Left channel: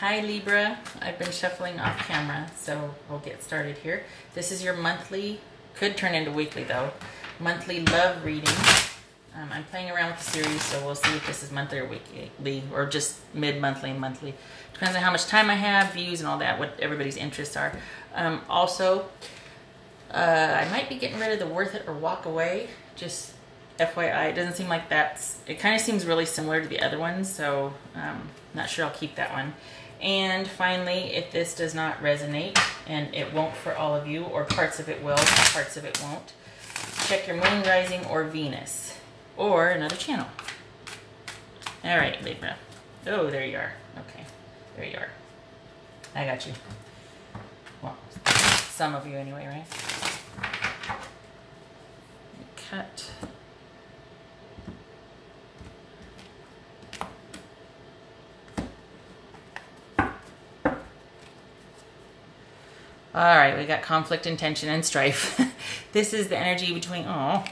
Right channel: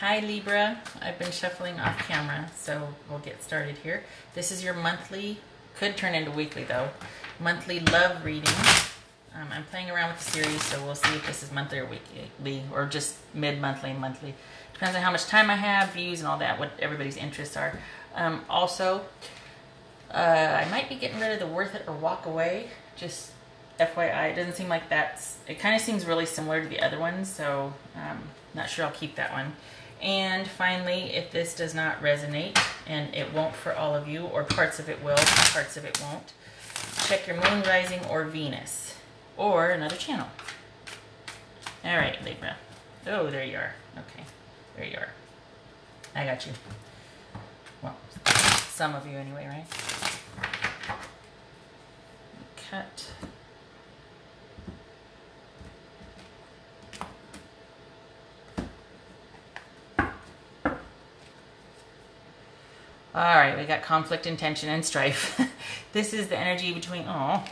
Hi Libra, I've been shuffling off camera, so we'll get started here. This is your monthly, could turn into weekly though, monthly love reading. I'm playing around with the series, so we'll see if this is monthly or weekly, or just mid-monthly and monthly. Depends on how much time I have, views and all that, what everybody's interests are. Also, I might be getting rid of the worth it or walk away, just FYI. It doesn't seem like that's, it kind of seems really similar to the other ones, so not sure I'll keep that one. And finally, if this does not resonate, and it won't for all of you, or parts of it will, parts of it won't, check your moon, rising, or Venus, or another channel. All right, Libra. Oh, there you are. Okay, there you are. I got you. Well, some of you anyway, right? Cut. All right, we got conflict and tension and strife. This is the energy between, oh,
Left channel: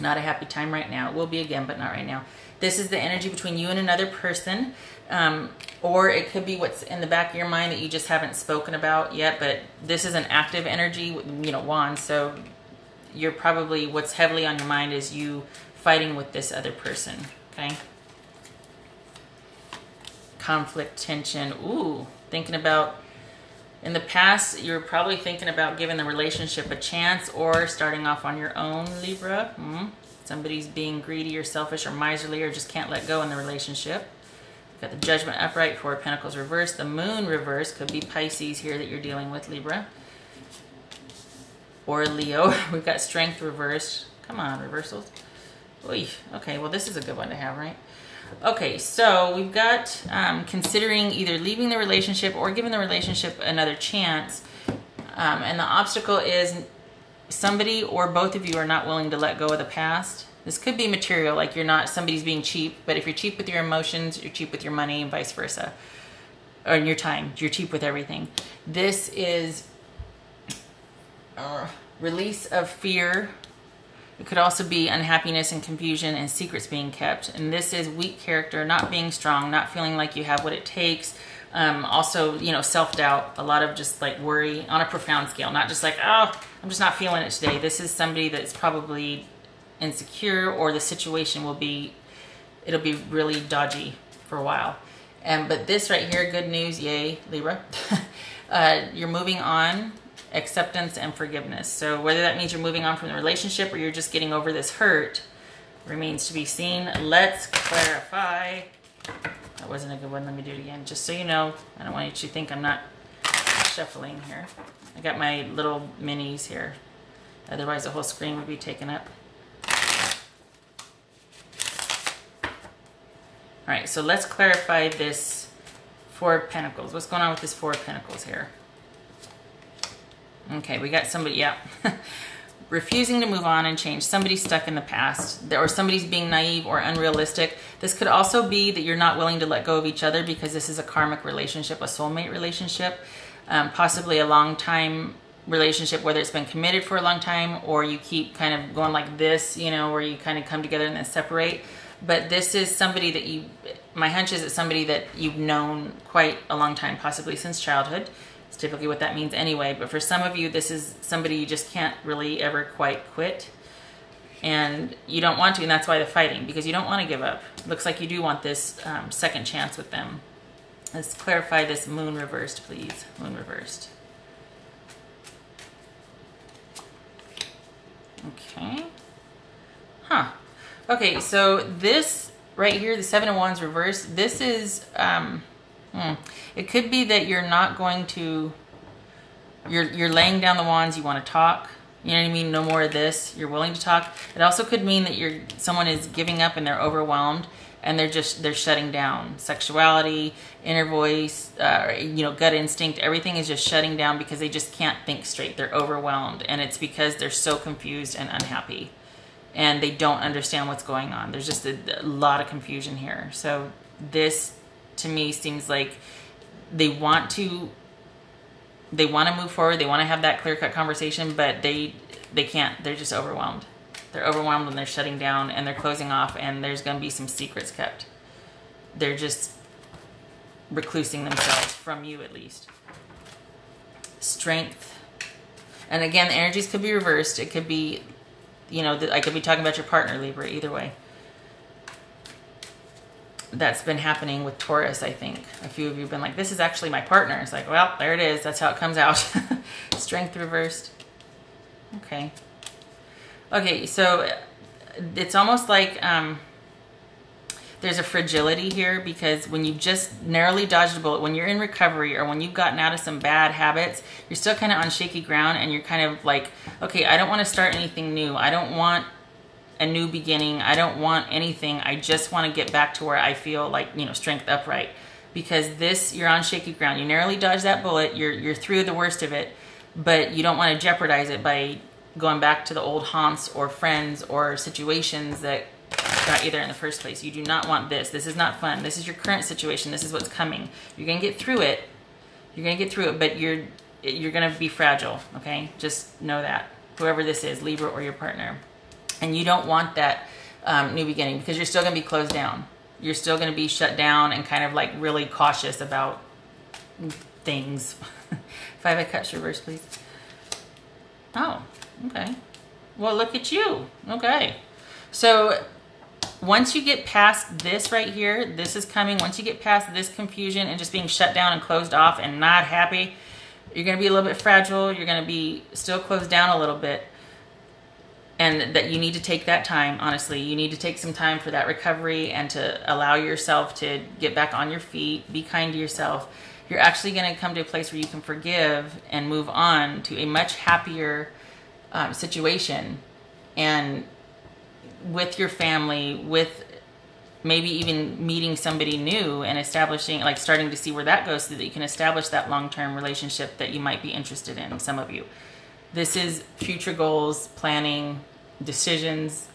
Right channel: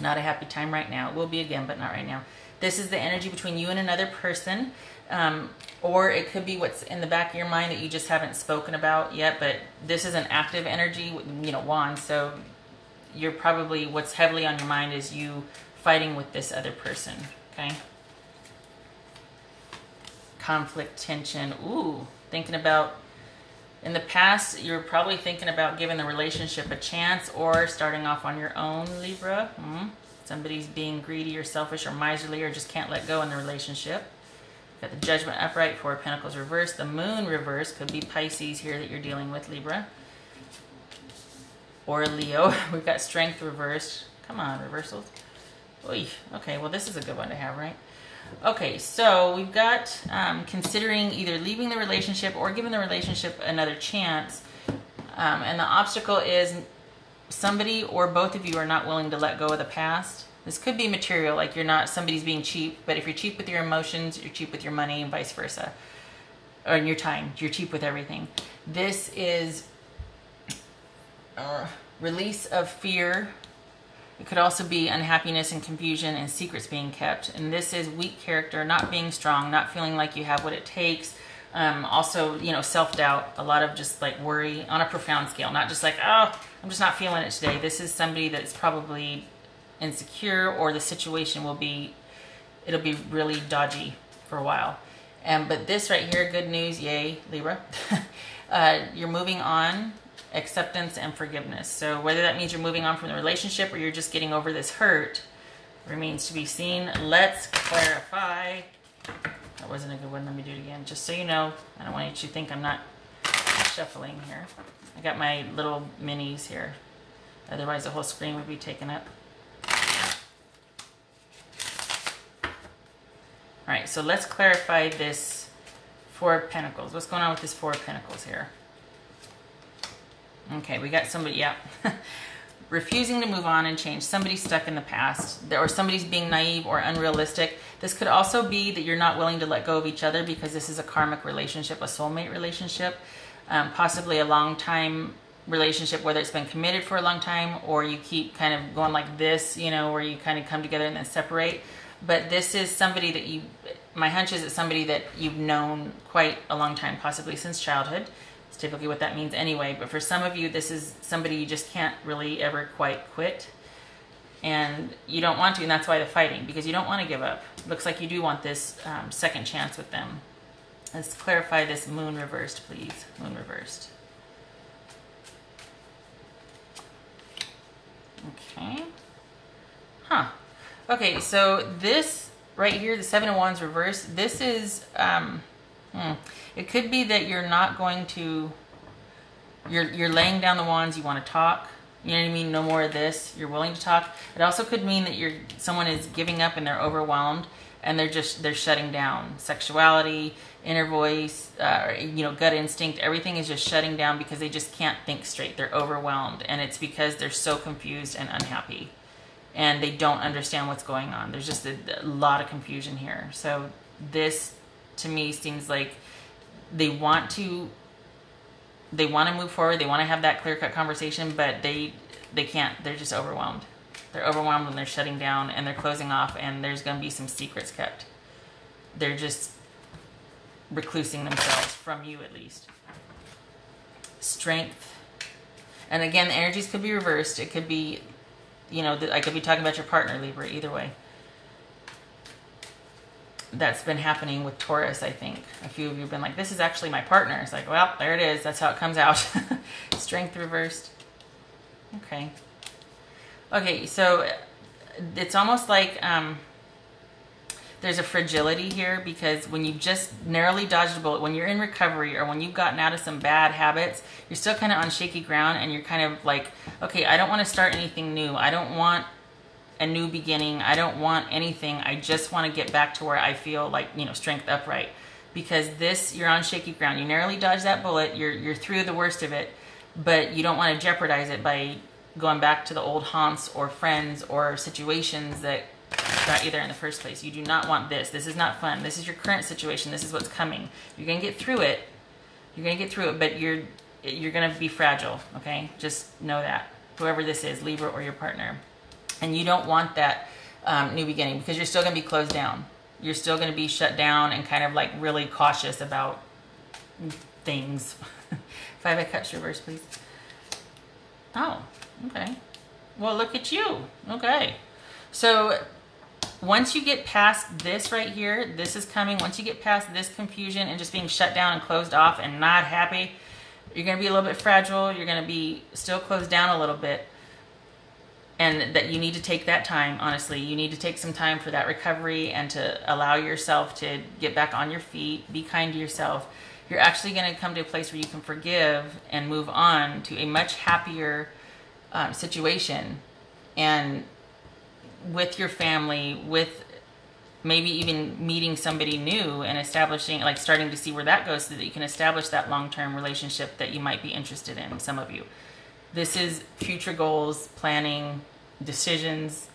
not a happy time right now. It will be again, but not right now. This is the energy between you and another person, or it could be what's in the back of your mind that you just haven't spoken about yet, but this is an active energy, you know, wands, so you're probably, what's heavily on your mind is you fighting with this other person, okay? Conflict, tension, ooh, thinking about, in the past, you're probably thinking about giving the relationship a chance or starting off on your own, Libra. Somebody's being greedy or selfish or miserly or just can't let go in the relationship. Got the Judgment upright, Four of Pentacles reversed. The Moon reversed, could be Pisces here that you're dealing with, Libra. Or Leo. We've got Strength reversed. Come on, reversals. Oy. Okay, well this is a good one to have, right? Okay, so we've got considering either leaving the relationship or giving the relationship another chance. And the obstacle is somebody or both of you are not willing to let go of the past. This could be material, like you're not, somebody's being cheap, but if you're cheap with your emotions, you're cheap with your money and vice versa. Or in your time, you're cheap with everything. This is release of fear. It could also be unhappiness and confusion and secrets being kept. And this is weak character, not being strong, not feeling like you have what it takes. Also, you know, self-doubt, a lot of just like worry on a profound scale, not just like, oh, I'm just not feeling it today. This is somebody that's probably insecure, or the situation will be, it'll be really dodgy for a while. But this right here, good news, yay, Libra. You're moving on. Acceptance and forgiveness. So whether that means you're moving on from the relationship or you're just getting over this hurt remains to be seen. Let's clarify. That wasn't a good one. Let me do it again. Just so you know, I don't want you to think I'm not shuffling here. I got my little minis here. Otherwise the whole screen would be taken up. All right, so let's clarify this Four of Pentacles. What's going on with this Four of Pentacles here? Okay, we got somebody, yeah. Refusing to move on and change. Somebody's stuck in the past, or somebody's being naive or unrealistic. This could also be that you're not willing to let go of each other because this is a karmic relationship, a soulmate relationship, possibly a long time relationship, whether it's been committed for a long time or you keep kind of going like this, you know, where you kind of come together and then separate. But this is somebody that you, my hunch is it's somebody that you've known quite a long time, possibly since childhood. It's typically what that means anyway, but for some of you, this is somebody you just can't really ever quite quit, and you don't want to, and that's why they're fighting, because you don't want to give up. Looks like you do want this second chance with them. Let's clarify this Moon reversed, please. Moon reversed. Okay. Huh. Okay, so this right here, the Seven of Wands reversed, this is... it could be that you're not going to, you're laying down the wands, you want to talk, you know what I mean, no more of this, you're willing to talk. It also could mean that someone is giving up and they're overwhelmed and they're shutting down. Sexuality, inner voice, you know, gut instinct, everything is just shutting down because they just can't think straight. They're overwhelmed, and it's because they're so confused and unhappy and they don't understand what's going on. There's just a lot of confusion here. So this, to me, seems like they want to move forward. They want to have that clear-cut conversation, but they can't. They're just overwhelmed. They're overwhelmed and they're shutting down and they're closing off, and there's going to be some secrets kept. They're just, reclusing themselves from you, at least. Strength. And again, the energies could be reversed. It could be, you know, I could be talking about your partner, Libra, either way. That's been happening with Taurus, I think. A few of you have been like, this is actually my partner. It's like, well, there it is. That's how it comes out. Strength reversed. Okay. Okay, so it's almost like there's a fragility here, because when you've just narrowly dodged a bullet, when you're in recovery or when you've gotten out of some bad habits, you're still kind of on shaky ground, and you're kind of like, okay, I don't want to start anything new. I don't want a new beginning. I don't want anything. I just want to get back to where I feel like, you know, strength upright. Because this, you're on shaky ground. You narrowly dodged that bullet. You're through the worst of it, but you don't want to jeopardize it by going back to the old haunts or friends or situations that got you there in the first place. You do not want this. This is not fun. This is your current situation. This is what's coming. You're going to get through it. You're going to get through it, but you're going to be fragile, okay? Just know that. Whoever this is, Libra or your partner. And you don't want that new beginning, because you're still going to be closed down. You're still going to be shut down and kind of like really cautious about things. 5 of Cups reverse, please. Oh, okay. Well, look at you. Okay. So once you get past this right here, this is coming. Once you get past this confusion and just being shut down and closed off and not happy, you're going to be a little bit fragile. You're going to be still closed down a little bit. And that you need to take that time, honestly. You need to take some time for that recovery and to allow yourself to get back on your feet. Be kind to yourself. You're actually going to come to a place where you can forgive and move on to a much happier situation. And with your family, with maybe even meeting somebody new and establishing, like starting to see where that goes, so that you can establish that long-term relationship that you might be interested in, some of you. This is future goals, planning, decisions,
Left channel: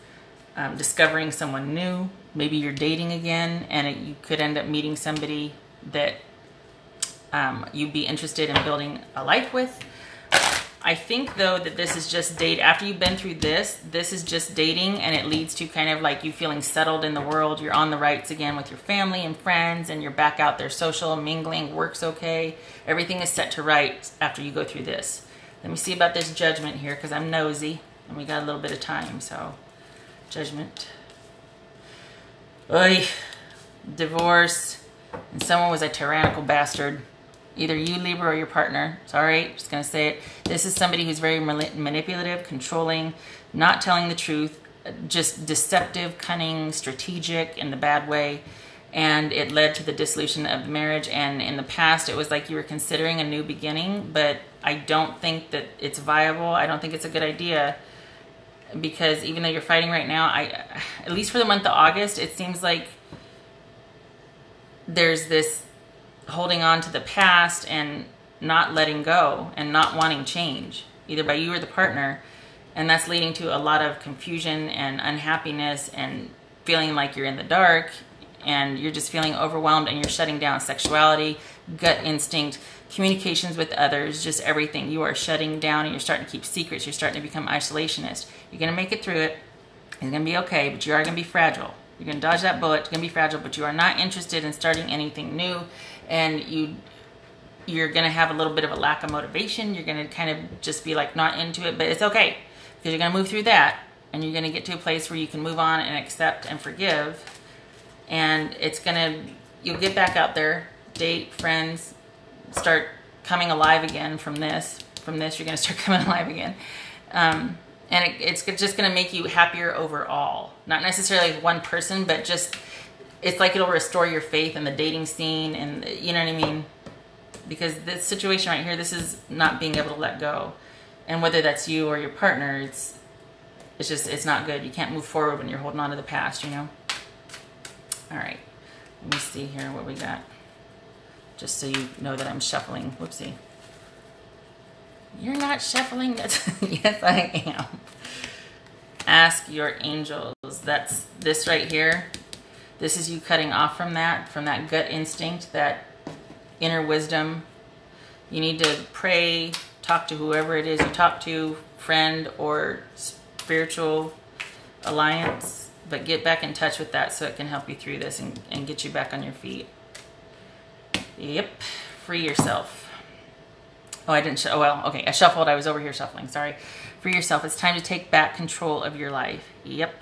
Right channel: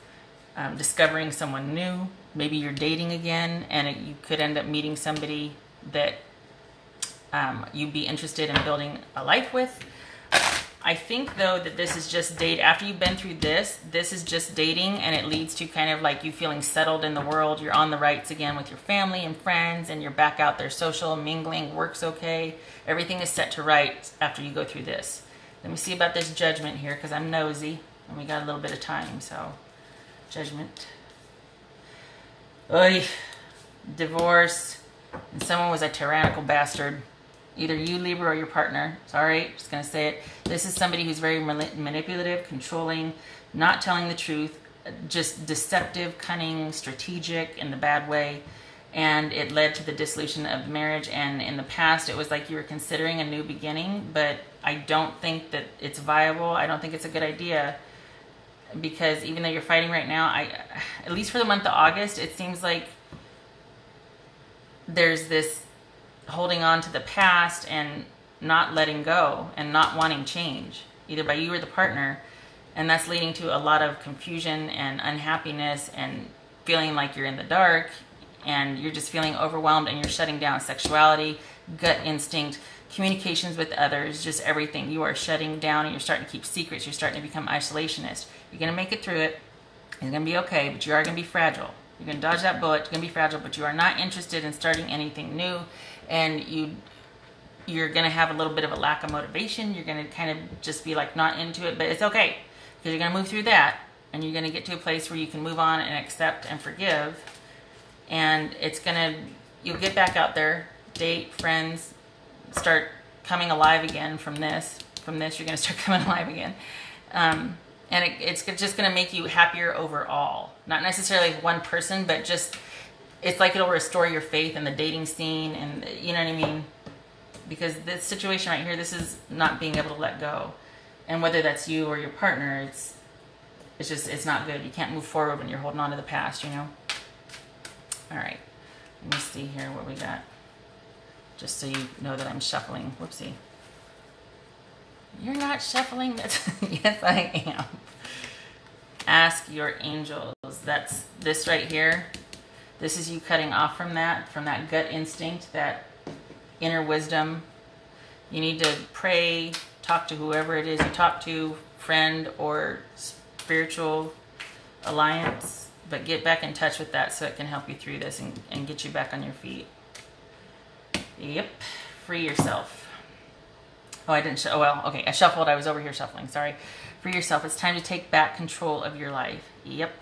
discovering someone new. Maybe you're dating again, and you could end up meeting somebody that you'd be interested in building a life with. I think, though, that this is just date. After you've been through this is just dating, and it leads to kind of like you feeling settled in the world. You're on the rights again with your family and friends, and you're back out there social, mingling, work's okay. Everything is set to rights after you go through this. Let me see about this Judgment here, because I'm nosy, and we got a little bit of time, so. Judgment. Oy. Divorce. And someone was a tyrannical bastard. Either you, Libra, or your partner. Sorry, just going to say it. This is somebody who's very manipulative, controlling, not telling the truth, just deceptive, cunning, strategic in the bad way. And it led to the dissolution of the marriage. And in the past, it was like you were considering a new beginning, but I don't think that it's viable. I don't think it's a good idea, because even though you're fighting right now, at least for the month of August, it seems like there's this holding on to the past and not letting go and not wanting change, either by you or the partner. And that's leading to a lot of confusion and unhappiness and feeling like you're in the dark, and you're just feeling overwhelmed, and you're shutting down sexuality, gut instinct, communications with others, just everything. You are shutting down, and you're starting to keep secrets. You're starting to become isolationist. You're going to make it through it. It's going to be okay, but you are going to be fragile. You're going to dodge that bullet. You're going to be fragile, but you are not interested in starting anything new. And you're going to have a little bit of a lack of motivation. You're going to kind of just be like not into it, but it's okay, because you're going to move through that, and you're going to get to a place where you can move on and accept and forgive. And it's going to, you'll get back out there, date, friends, start coming alive again from this. From this, you're going to start coming alive again. And it's just going to make you happier overall. Not necessarily one person, but just, it's like it'll restore your faith in the dating scene, and you know what I mean? Because this situation right here, this is not being able to let go. And whether that's you or your partner, it's not good. You can't move forward when you're holding on to the past, you know? All right. Let me see here what we got. Just so you know that I'm shuffling. Whoopsie. You're not shuffling. That's yes, I am. Ask your angels. That's this right here. This is you cutting off from that gut instinct, that inner wisdom. You need to pray, talk to whoever it is you talk to, friend or spiritual alliance, but get back in touch with that so it can help you through this and get you back on your feet. Yep. Free yourself. Oh, I didn't. Oh, well, okay. I shuffled. I was over here shuffling. Sorry. Free yourself. It's time to take back control of your life. Yep.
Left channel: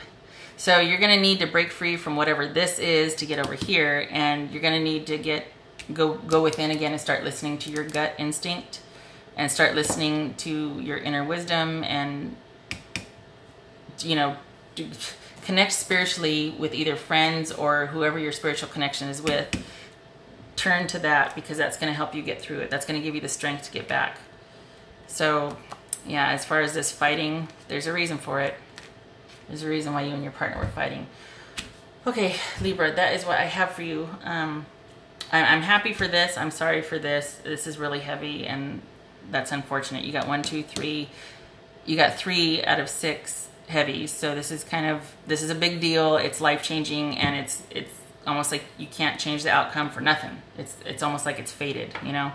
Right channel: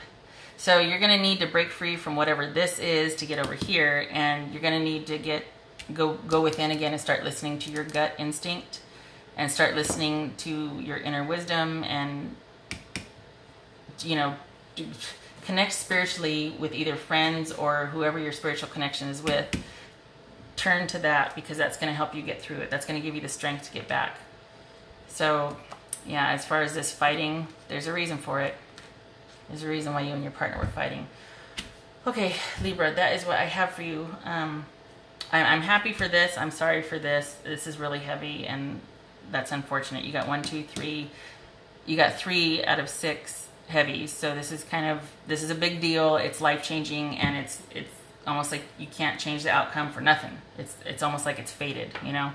So you're going to need to break free from whatever this is to get over here. And you're going to need to go within again and start listening to your gut instinct. And start listening to your inner wisdom. And, you know, connect spiritually with either friends or whoever your spiritual connection is with. Turn to that, because that's going to help you get through it. That's going to give you the strength to get back. So, yeah, as far as this fighting, there's a reason for it. There's a reason why you and your partner were fighting. Okay, Libra, that is what I have for you. I'm happy for this. I'm sorry for this. This is really heavy, and that's unfortunate. You got 1, 2, 3. You got 3 out of 6 heavies. So this is a big deal. It's life-changing, and it's almost like you can't change the outcome for nothing. It's almost like it's fated, you know.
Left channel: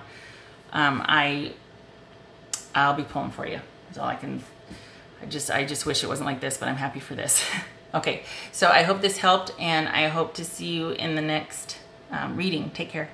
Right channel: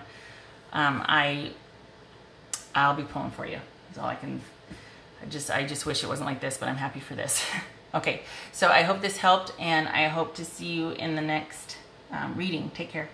I'll be pulling for you. That's all I can. I just wish it wasn't like this, but I'm happy for this. Okay, so I hope this helped, and I hope to see you in the next reading. Take care.